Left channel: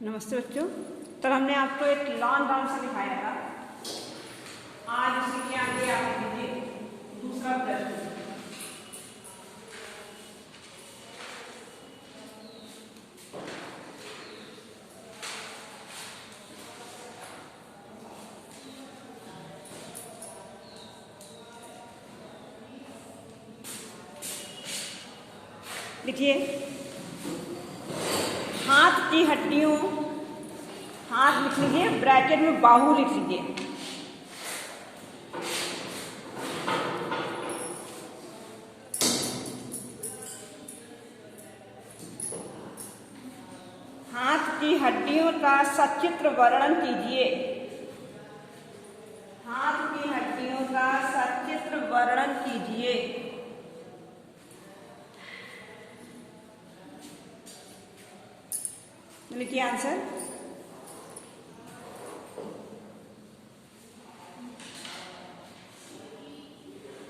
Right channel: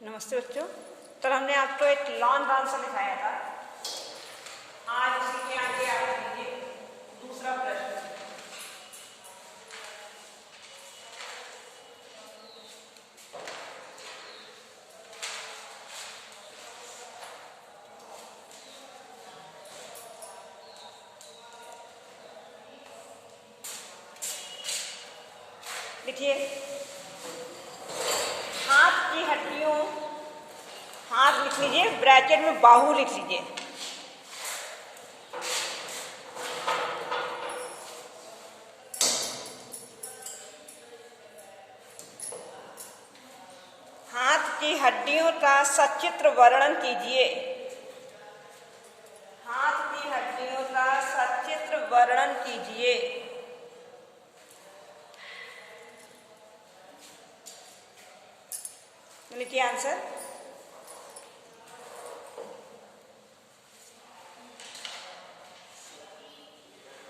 नमस्ते बच्चों। कल हमने आपको एक लॉन्ग आंसर लिखाया था। आज इसके आगे आप लीजिए दूसरा प्रश्न। लिखिए, हाथ की हड्डियों, हाथ लिख लीजिए, ब्रैकेट में बाहु लिख लीजिए। हाथ की हड्डियों का सचित्र वर्णन कीजिए। हाथ की हड्डियों का सचित्र वर्णन कीजिए। लिखिए आंसर।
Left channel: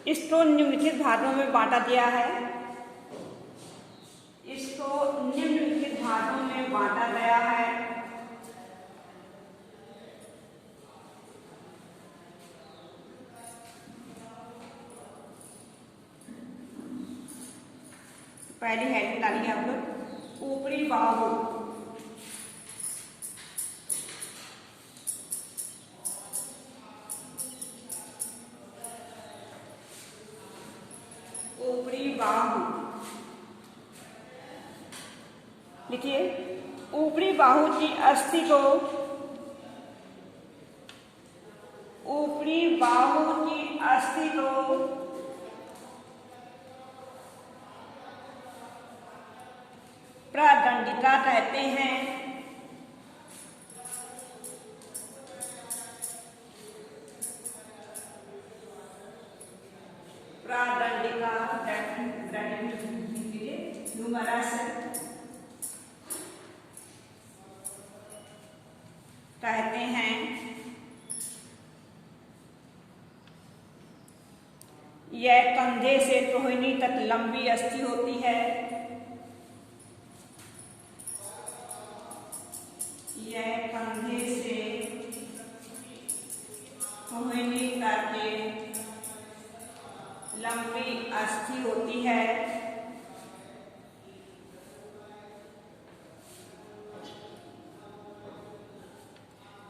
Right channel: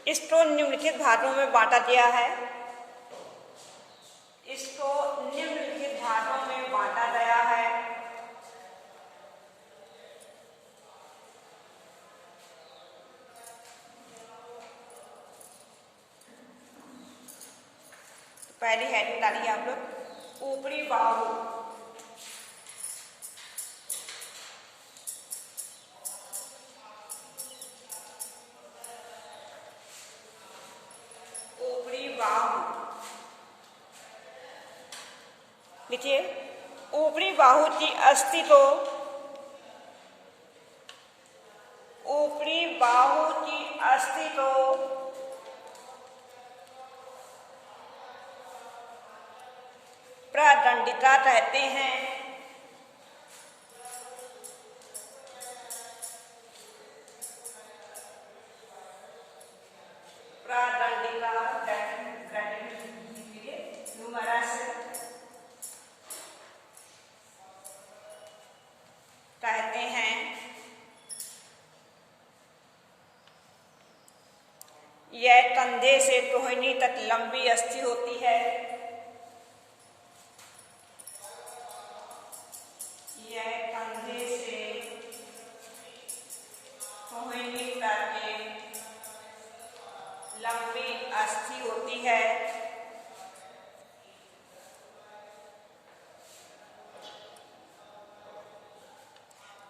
इसको निम्नलिखित भागों में बांटा गया है। इसको निम्नलिखित भागों में बांटा गया है। पहली हेडिंग डालिए आप लोग, ऊपरी बाहु। ऊपरी बाहु लिखिए, ऊपरी बाहु की अस्थि को, ऊपरी बाहु की अस्थि को प्रदंडिका कहते हैं। प्रदंडिका ह्यूमरस कहते हैं। यह कंधे से टोहनी तक लंबी अस्थि होती है। यह कंधे से टोहनी तक लंबी अस्थि होती है।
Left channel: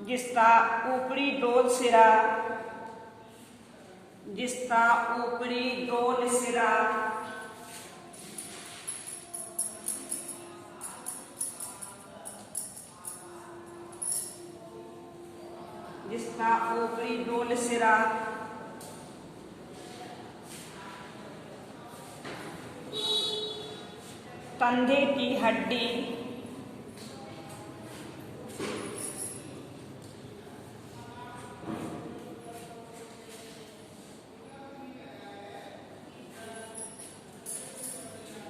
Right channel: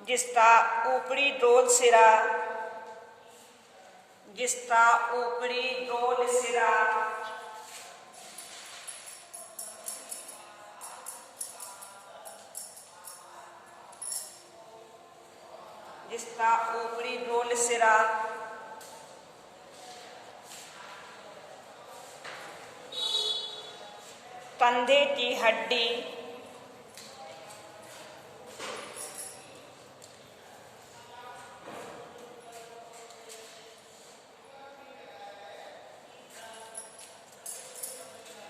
जिसका ऊपरी डोल सिरा, जिसका ऊपरी डोल सिरा जिसका ऊपरी डोल सिरा कंधे की हड्डी,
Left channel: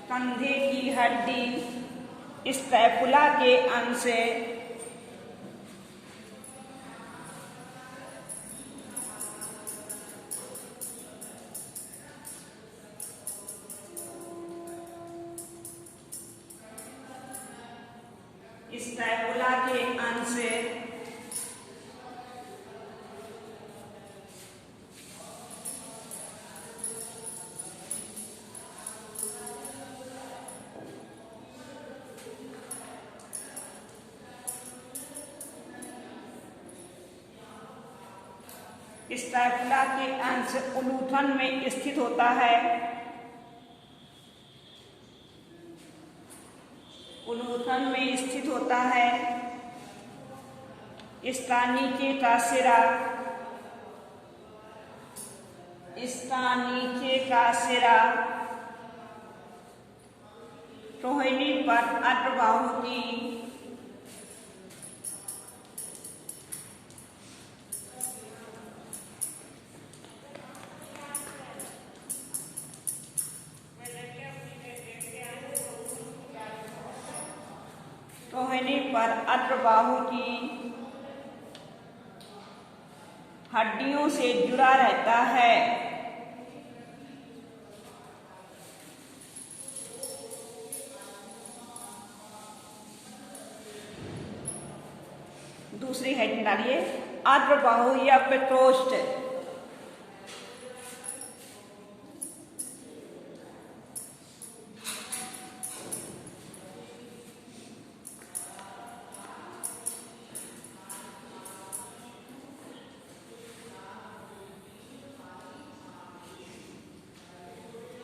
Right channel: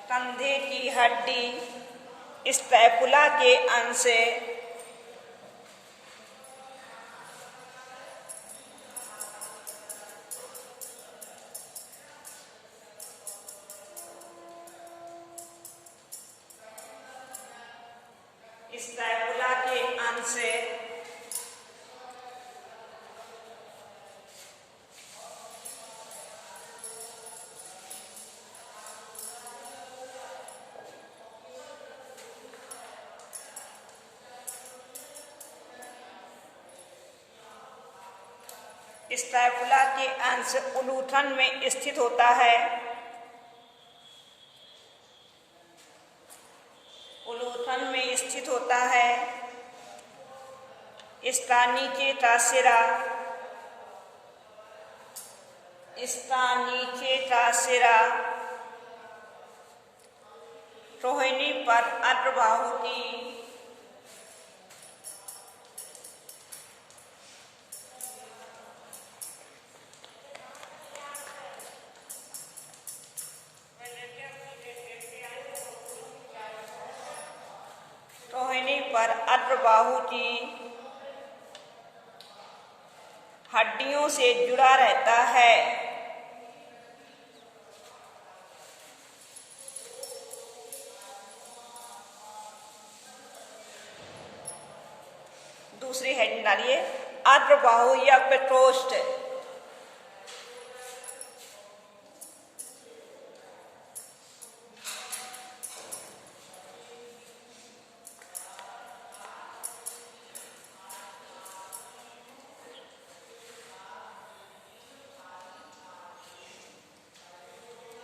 कंधे की हड्डी स्कैपुला के अंश से स्कैपुला के अंश से स्कैपुला के अंश उलूठन में स्थित होता है। उलूठन में स्थित होता है। इसका नीचे का सिरा, इसका नीचे का सिरा टोहनी पर अग्रबाहु की टोहनी पर अग्रबाहु की हड्डियों से जुड़ा रहता है। दूसरी हेडिंग डालिए अग्रबाहु या प्रकोष्ठ।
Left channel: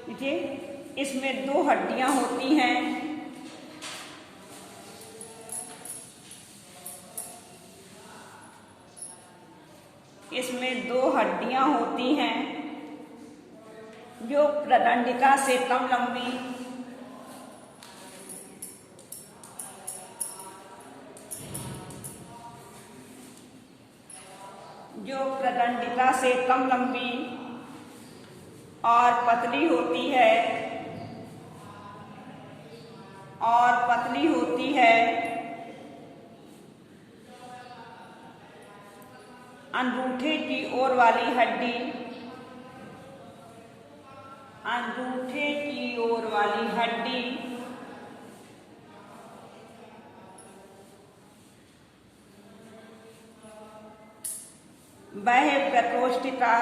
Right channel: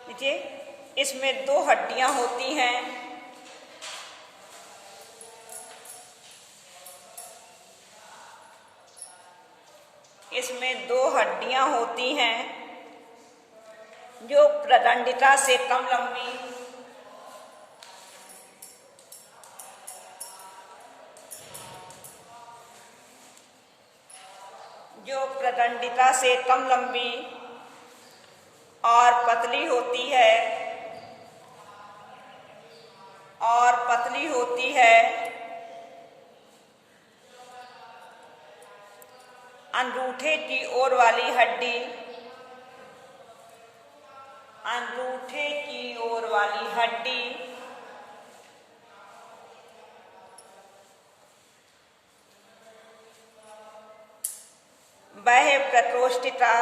देखिए इसमें दो हड्डियां होती हैं। इसमें दो हड्डियां होती हैं जो प्रदंडिका से कम लंबी, और पतली होती है अंगूठे की ओर वाली हड्डी, वह प्रकोष्ठिका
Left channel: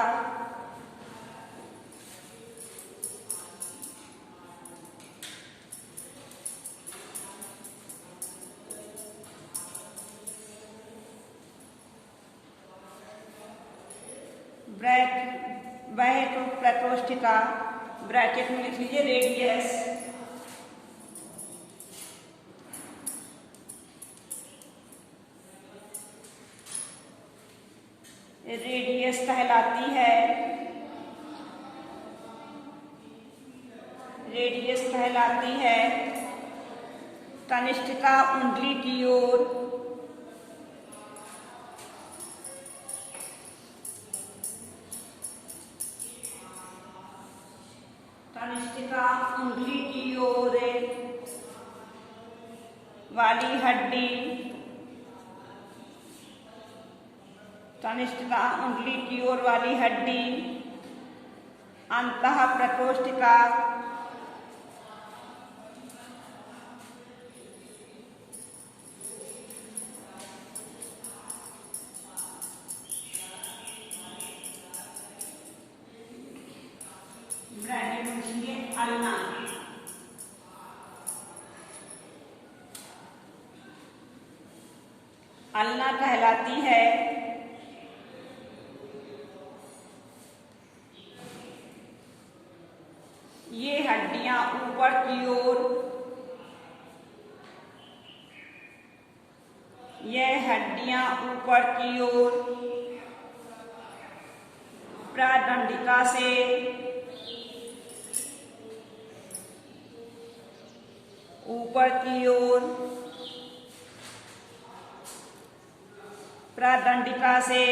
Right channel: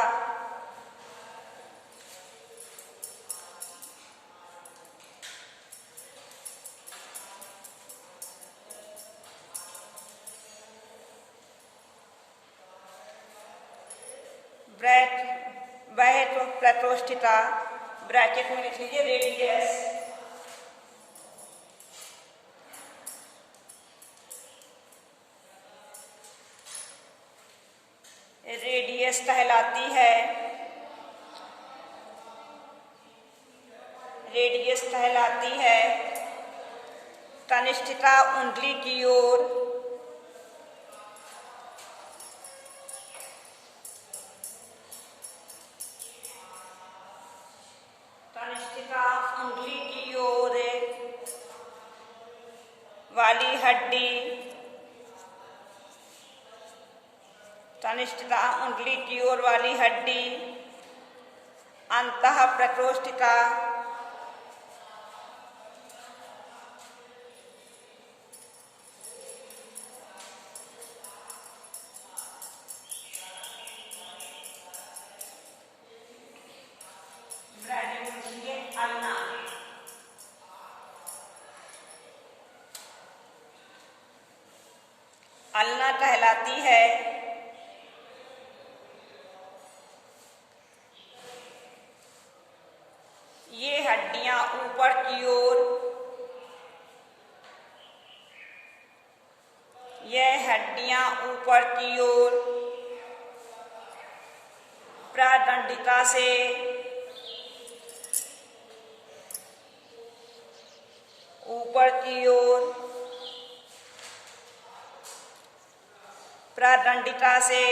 प्रकोष्ठिका ब्रैकेट में लिख लीजिए रेडियस कहलाती है। तनिष्ठिका उंगली की ओर, वाली हड्डी, तनिष्ठिका उंगली की ओर वाली हड्डी अंतः प्रकोष्ठिका अल्ना। अल्ना कहलाती है ये हड्डियां ऊपर की ओर प्रादंडिका से ऊपर की ओर प्रादंडिका से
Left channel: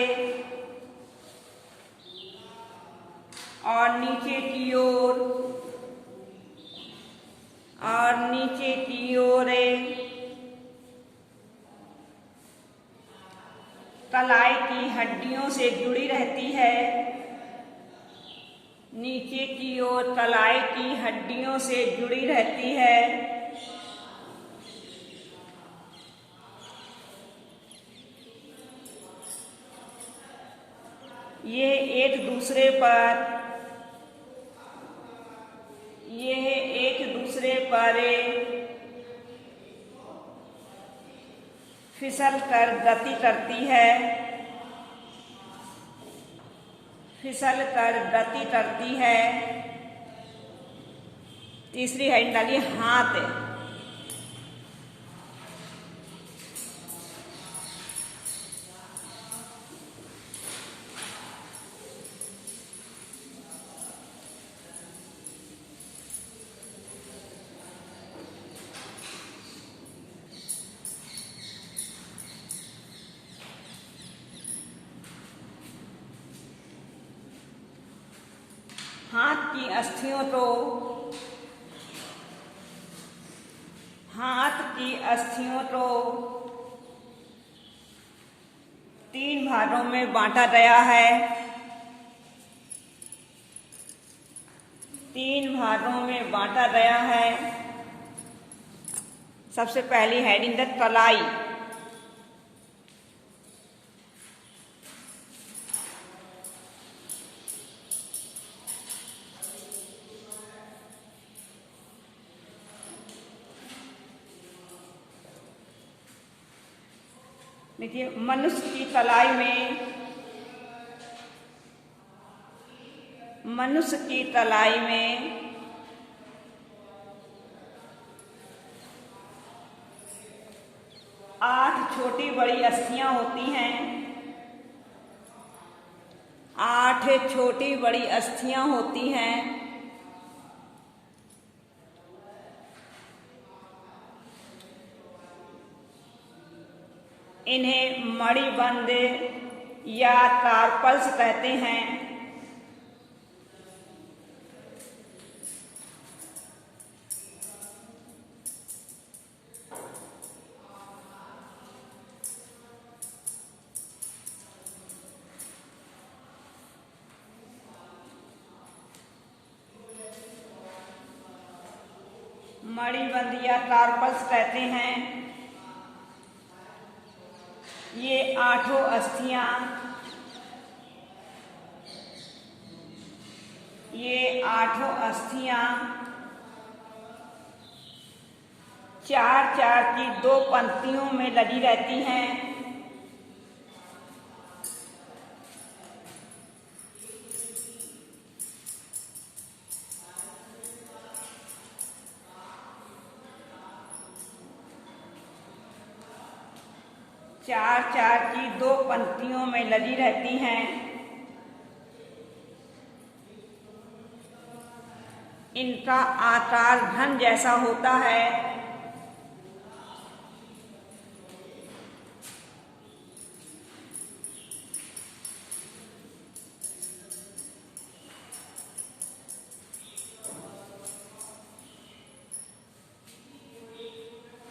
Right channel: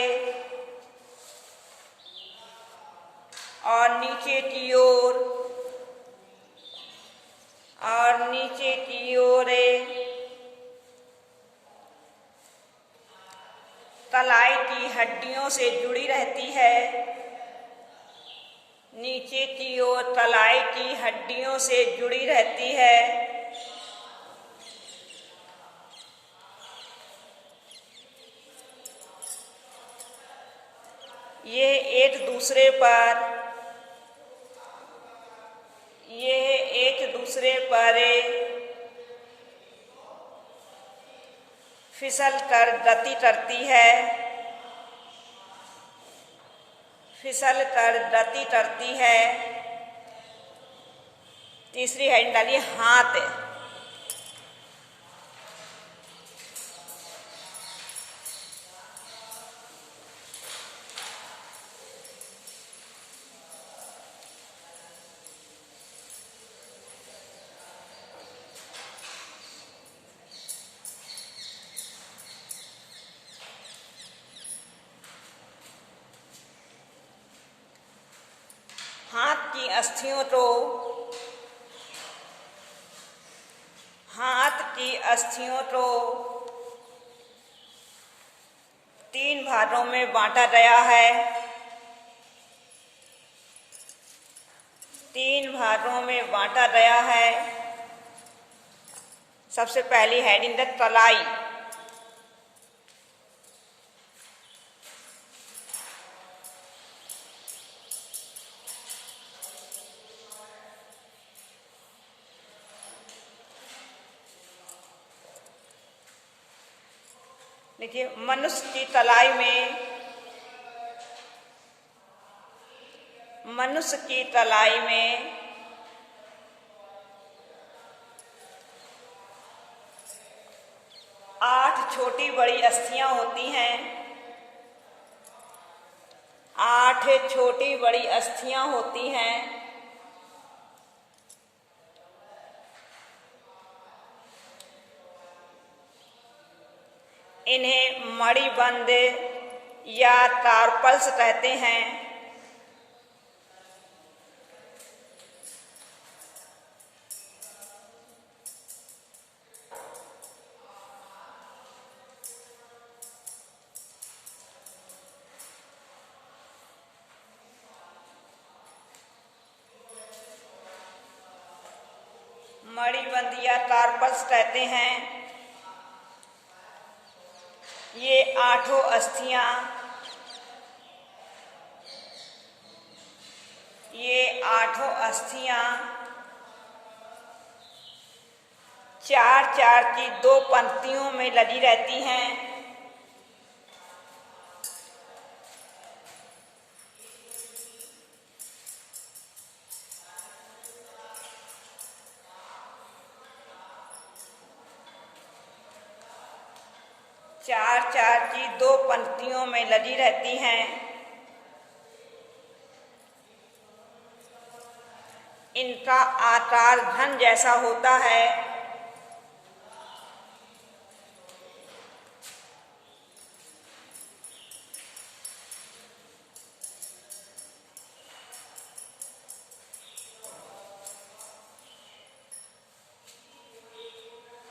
और नीचे की ओर कलाई की हड्डियों से जुड़ी रहती है। नीचे की ओर कलाई की हड्डियों से जुड़ी रहती है। ये एक दूसरे फिसल कर गति करती है। तीसरी हेडिंग डालिए हाथ। हाथ की अस्थियों को 3 भागों में बांटा गया है। 3 भागों में बांटा गया है। सबसे पहली हेडिंग है तलाई। देखिए, मनुष्य की तलाई में, मनुष्य की तलाई में 8 छोटी बड़ी अस्थियां होती हैं। 8 छोटी बड़ी अस्थियां होती हैं। इन्हें मणिबंध या कार्पल्स कहते हैं। मणिबंध या कार्पल्स कहते हैं। ये 8 अस्थियां, ये 8 अस्थियां 4-4 की 2 पंक्तियों में लगी रहती हैं। चार चार की 2 पंक्तियों में लगी रहती हैं। इनका आकार घन जैसा होता है।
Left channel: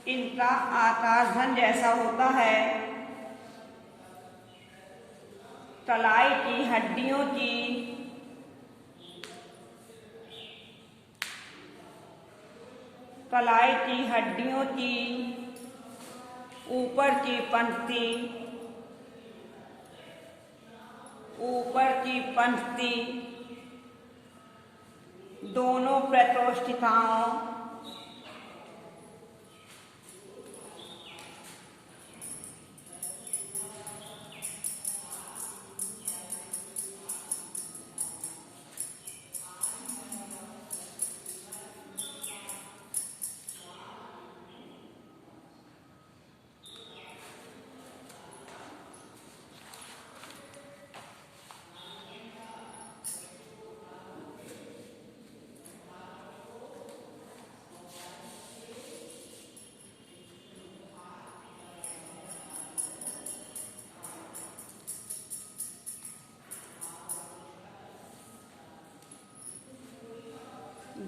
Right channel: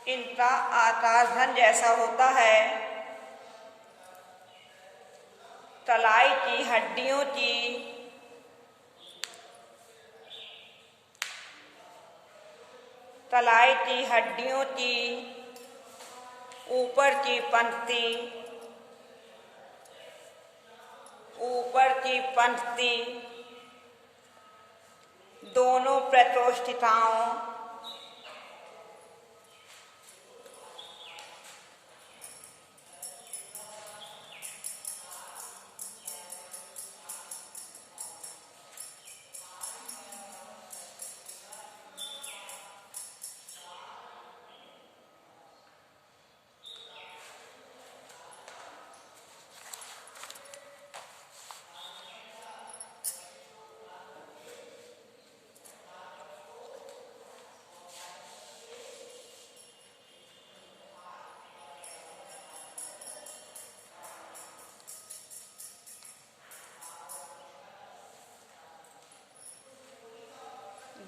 इनका आकार घन जैसा होता है। कलाई की हड्डियों की कलाई की हड्डियों की ऊपर की पंक्ति दोनों प्रकोष्ठिकाओं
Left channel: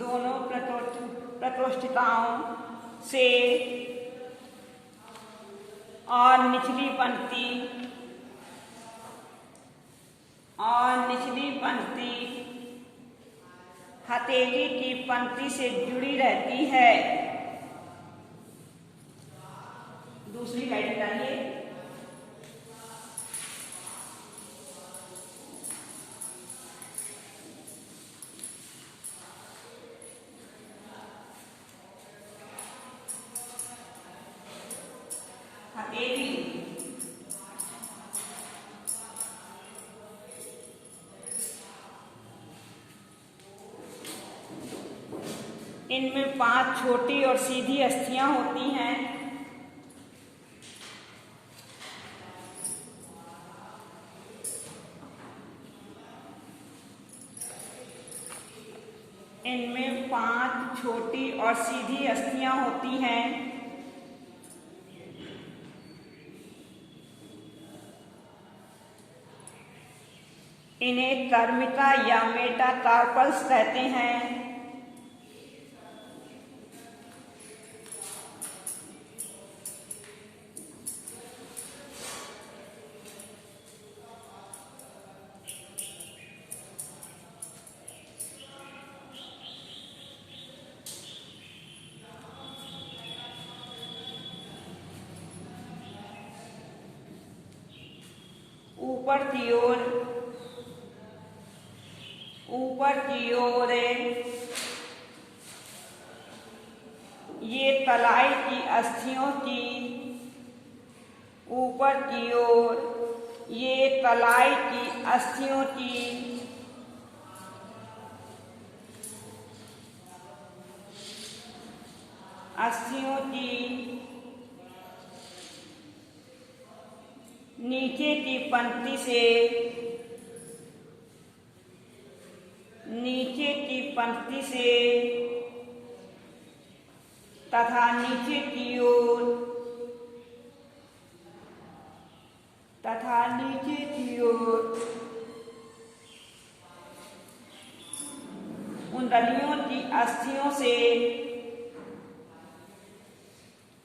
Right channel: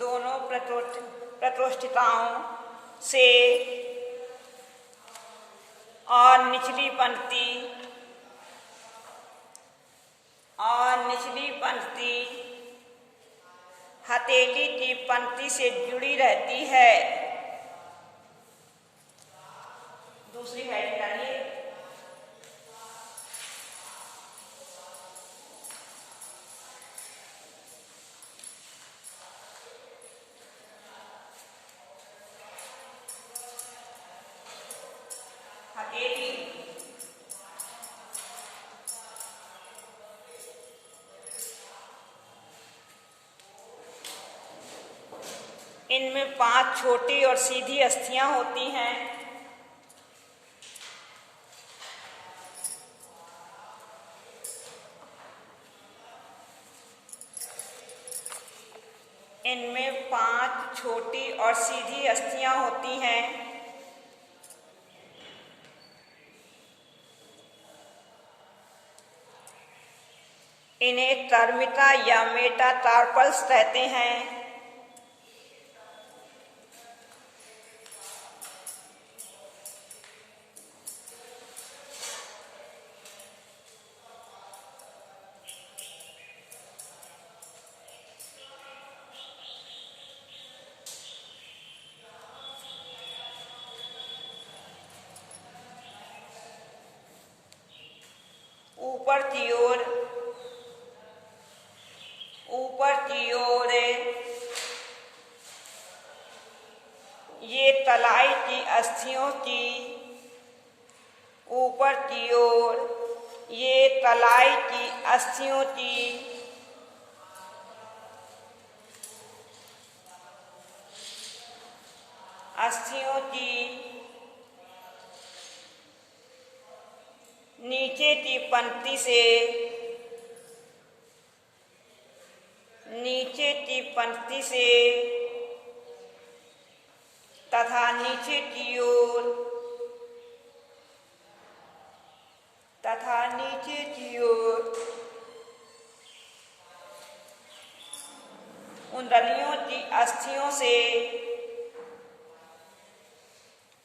दोनों प्रकोष्ठिकाओं से और निचली पंक्ति हथेली की पंक्ति से जुड़ी रहती है। दूसरी लाइन डालिए। इनमें 5 छोटी और सीधी अस्थियां होती हैं। इनमें 5 छोटी और सीधी अस्थियां होती हैं। इन्हें कर्मिका या मेटाकार्पल्स कहते हैं। ऊपर की ओर ये तलाई की अस्थियों की ऊपर की ओर ये कलाई की अस्थियों की नीचे की पंक्ति से तथा नीचे की ओर कुंडलियों की अस्थियों से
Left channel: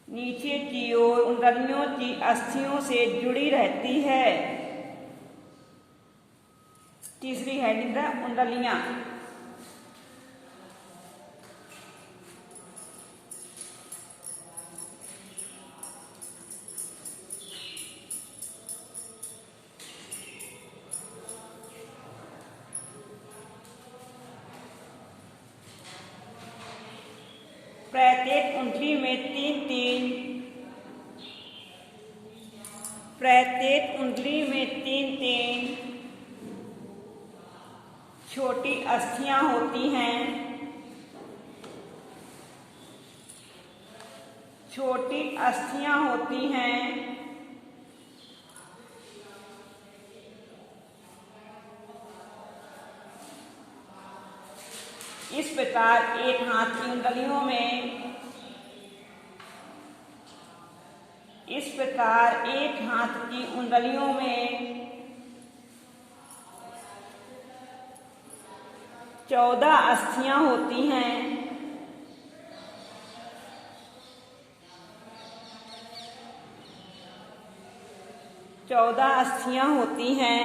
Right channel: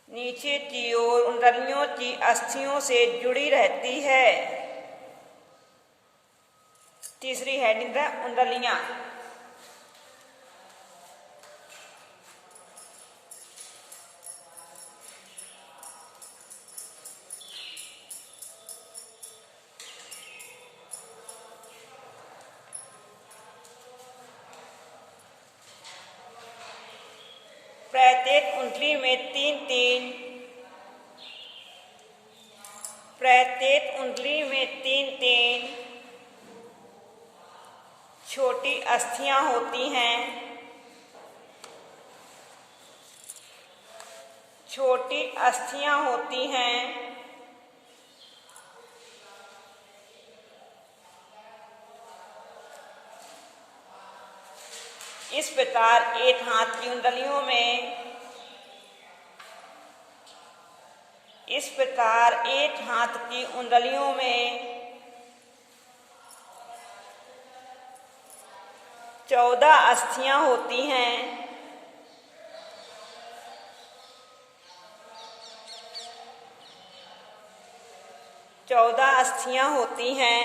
नीचे की ओर कुंडलियों की अस्थियों से जुड़ी रहती है। तीसरी हेडिंग है कुंडलियां। प्रत्येक कुंडली में तीन छोटी अस्थियां होती हैं। इस प्रकार एक हाथ की कुंडलियों में 14 अस्थियां होती हैं।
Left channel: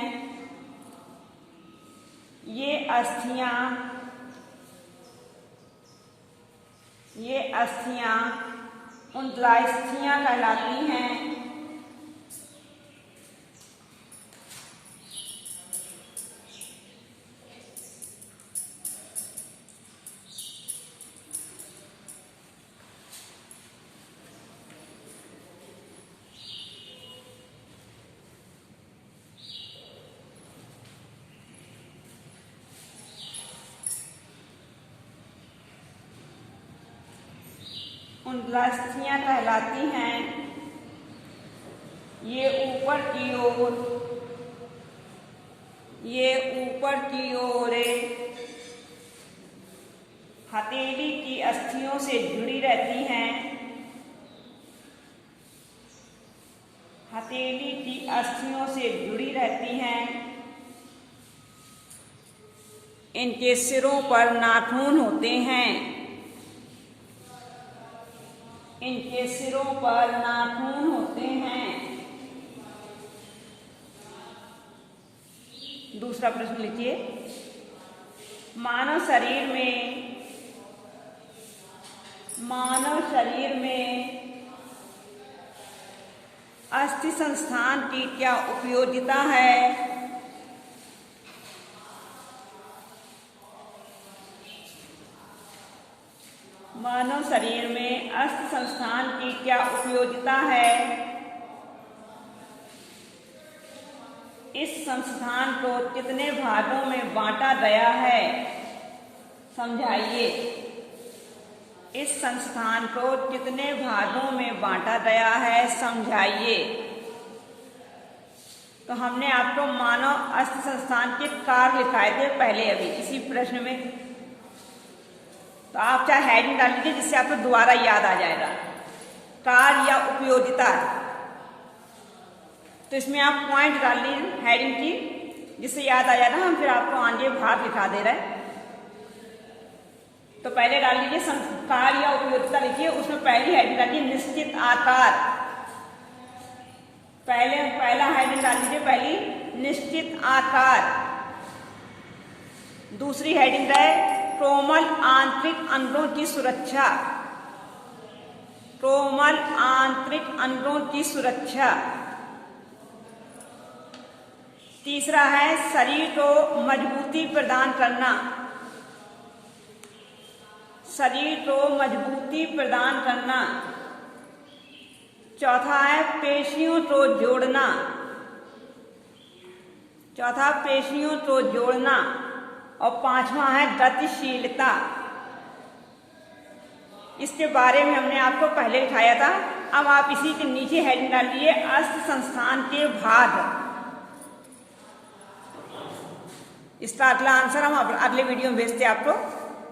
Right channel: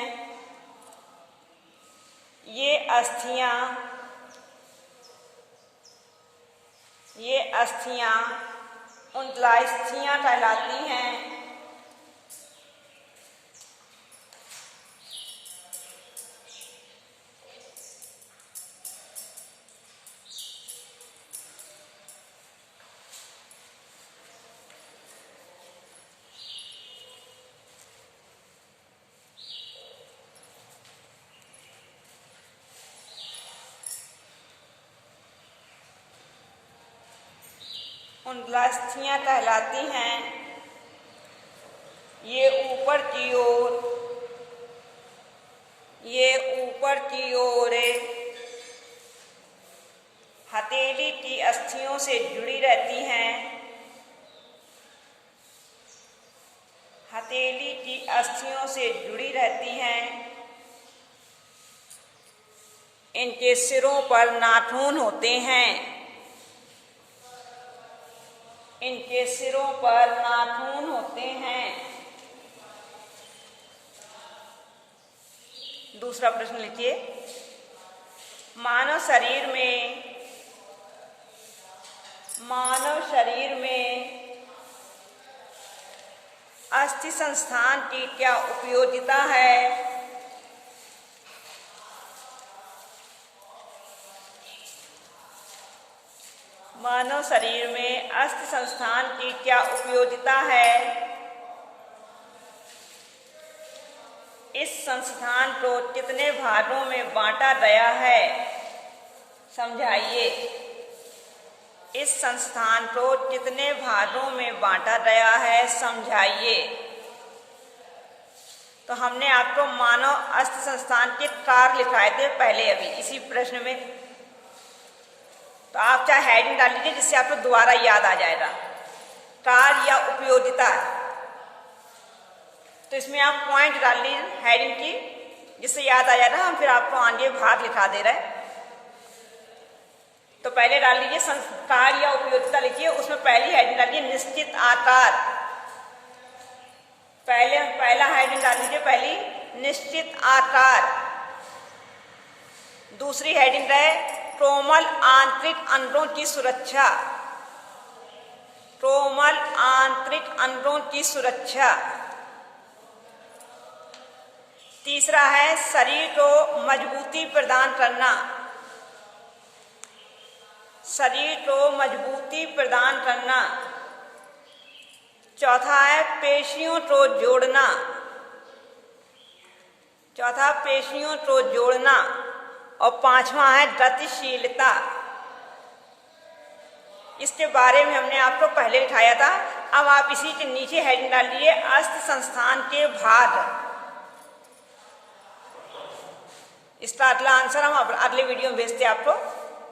ये अस्थियां कुंडलास्थियां कहलाती हैं। कुंडलास्थियां कहलाती हैं। ये ऊपर की ओर हथेली की अस्थियों से जुड़ी रहती हैं। इनके सिरों पर नाखून होते हैं। दूसरा प्रश्न लिखिए। मानव शरीर में अस्थि संस्थान की क्या उपयोगिता है? मानव शरीर में अस्थि संस्थान की क्या उपयोगिता है? इस संस्थान को कितने भागों में बांटा गया है? समझाइए। इस संस्थान को कितने भागों में बांटा गया है? समझाइए। तो हमने आपको मानव अस्थि संस्थान के कार्य लिखाए थे पहले अभी इसी प्रश्न में। तो आप चाहे हेडिंग डाल लीजिए जिससे आपको दोबारा याद आ जाएगा। कार्य या उपयोगिता, तो इसमें आप पॉइंट डाल लीजिए हेडिंग की जिससे याद आ जाएगा। हम फिर आपको आगे भाग लिखा दे रहे हैं। तो पहले डाल लीजिए कार्य या उपयोगिता लिखिए। उसमें पहली हेडिंग डालिए निश्चित आकार। पहला हेडिंग डाल लीजिए पहली निश्चित आकार। दूसरी हेडिंग है कोमल आंतरिक अंगों की सुरक्षा। तीसरा है शरीर को मजबूती प्रदान करना। चौथा है पेशियों को जोड़ना, चौथा पेशियों को जोड़ना, और पांचवा है गतिशीलता। इसके बारे में हमने आपको पहले दिखाया था। अब आप इसी के नीचे हेडिंग डालिए अस्थि संस्थान के भाग। इसका अगला आंसर हम अगले वीडियो में भेजते हैं आपको।